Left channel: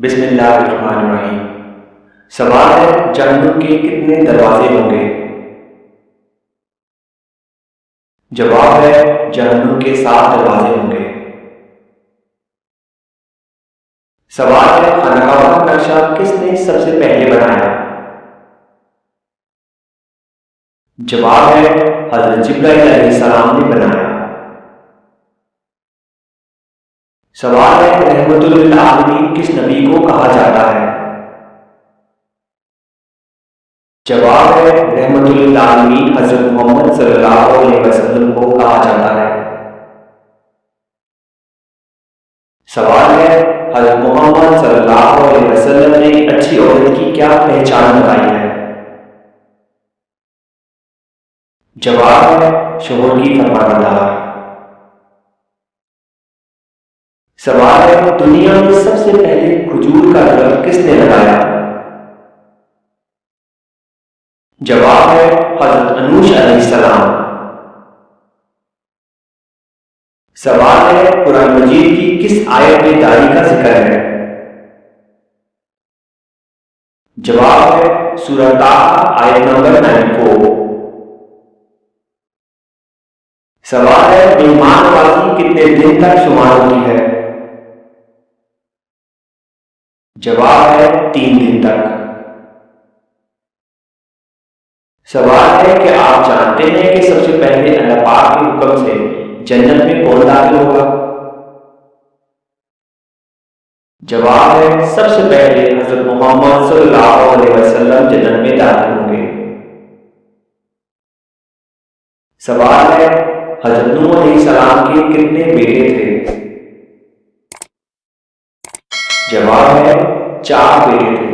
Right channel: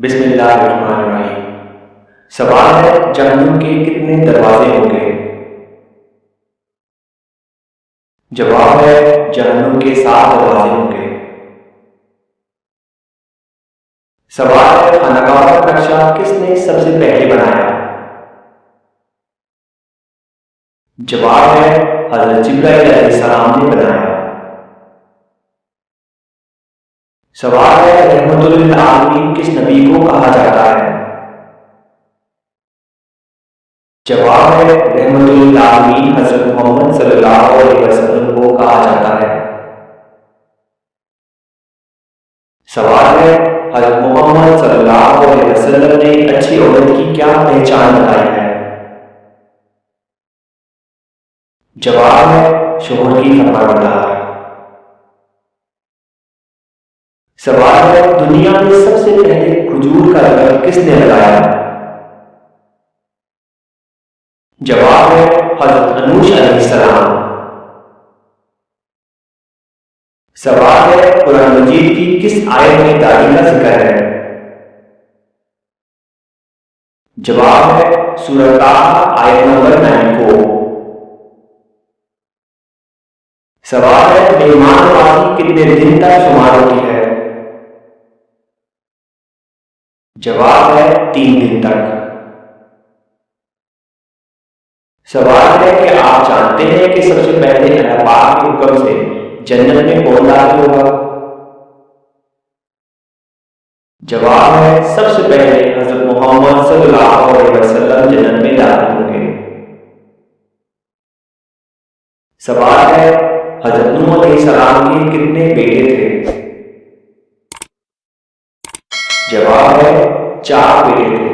بسم اللہ الرحمن الرحیم۔ سوال ہے جہنم کے کتنے دروازے ہوں گے؟ جواب ہے جہنم کے 7 دروازے ہوں گے۔ سوال ہے خانہ کعبہ کا نقشہ کس نے سب سے پہلے بنایا؟ جواب ہے حضرت جبرائیل علیہ السلام نے بنایا۔ سوال ہے رحمت للعالمین کس نبی کو کہا جاتا ہے؟ جواب ہے رحمت للعالمین حضرت محمد صلی اللہ علیہ وسلم کو کہا جاتا ہے۔ سوال ہے حضرت محمد صلی اللہ علیہ وسلم نے اچھی عورت کی کیا پہچان بتائی ہے؟ جواب ہے شوہر کی فرمانبردار۔ سوال ہے دنیا میں سب سے پہلے کھجور کا درخت کس نے لگایا؟ جواب ہے حضرت انوش علیہ السلام۔ سوال ہے قرآن مجید کی کس آیت میں داڑھی کا ذکر ہے؟ جواب ہے سورہ طٰہٰ آیت نمبر 94۔ سوال ہے مہمان نوازی کتنے دن تک شمار ہوتی ہے؟ جواب ہے 3 دن تک۔ سوال ہے کہ آپ جانتے ہیں کہ سب سے پہلے اللہ پاک کے حکم سے جنت میں کون داخل ہوگا؟ جواب ہے سب سے پہلے حضرت محمد صلی اللہ علیہ وسلم جنت میں داخل ہوں گے۔ سوال ہے حضرت نوح علیہ السلام کے کتنے بیٹے تھے؟ جواب ہے 4 بیٹے تھے۔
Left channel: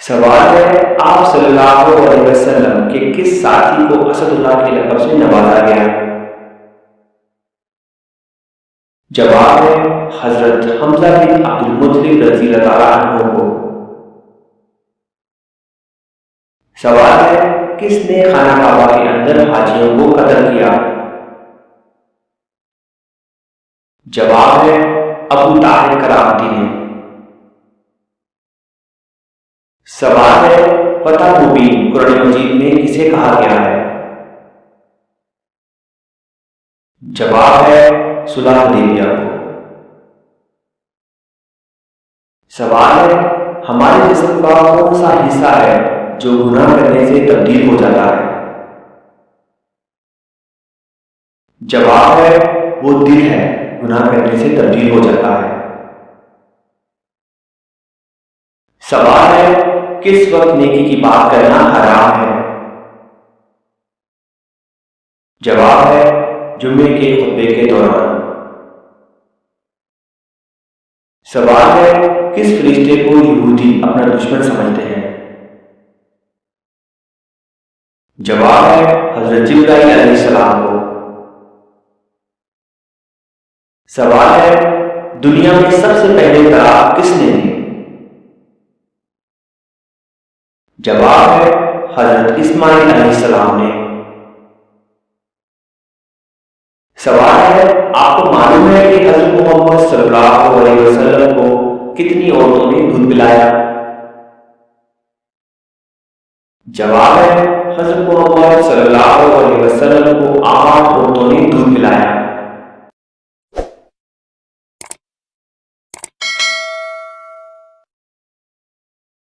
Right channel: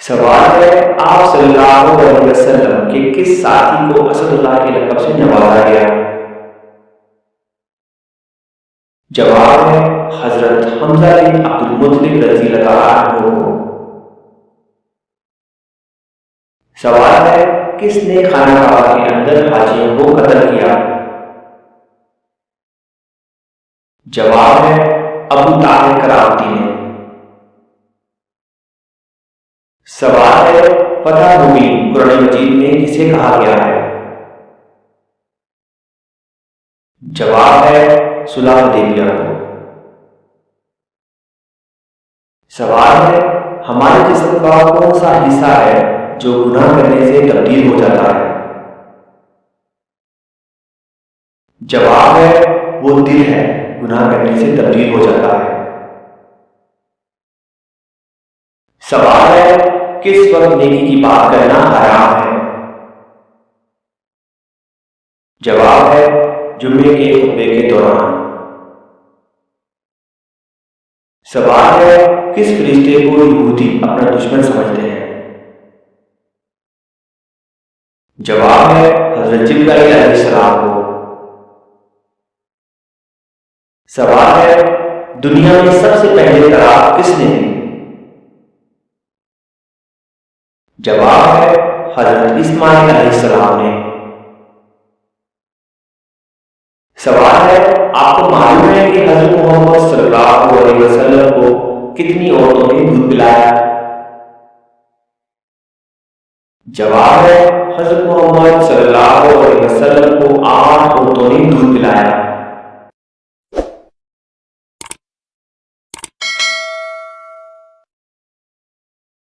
سوال ہے آپ صلی اللہ علیہ وسلم کے کس ساتھی کو اسد اللہ کے لقب سے نوازا گیا؟ جواب ہے حضرت حمزہ بن عبد المطلب رضی اللہ تعالیٰ عنہ کو۔ سوال ہے کس نے خانہ کعبہ کے اندر حاجیوں کو قتل کیا؟ جواب ہے ابو طاہر کرامتی نے۔ سوال ہے فتح مبین قرآن مجید میں کسے کہا گیا ہے؟ جواب ہے صلح حدیبیہ کو۔ سوال ہے ہمارے جسم کا کون سا حصہ ہے جو گناہ کرنے سے تبدیل ہو جاتا ہے؟ جواب ہے وہ دل ہے، گناہ کرنے سے تبدیل ہو جاتا ہے۔ سوال ہے کس وقت نیکی کی بات کرنا حرام ہے؟ جواب ہے جمعے کے خطبے کے دوران۔ سوال ہے کس فرشتے کو یہودی اپنا دشمن سمجھتے ہیں؟ جواب ہے حضرت جبرائیل علیہ السلام کو۔ سوال ہے دنیا میں سب سے پہلے طلاق کس نے دی؟ جواب ہے حضرت اسماعیل علیہ السلام نے۔ سوال ہے آپ کو معلوم ہے کہ حضرت محمد صلی اللہ علیہ وسلم کو کتنی عورتوں نے دودھ پلایا؟ جواب ہے حضرت محمد صلی اللہ علیہ وسلم کو 8 عورتوں نے دودھ پلایا۔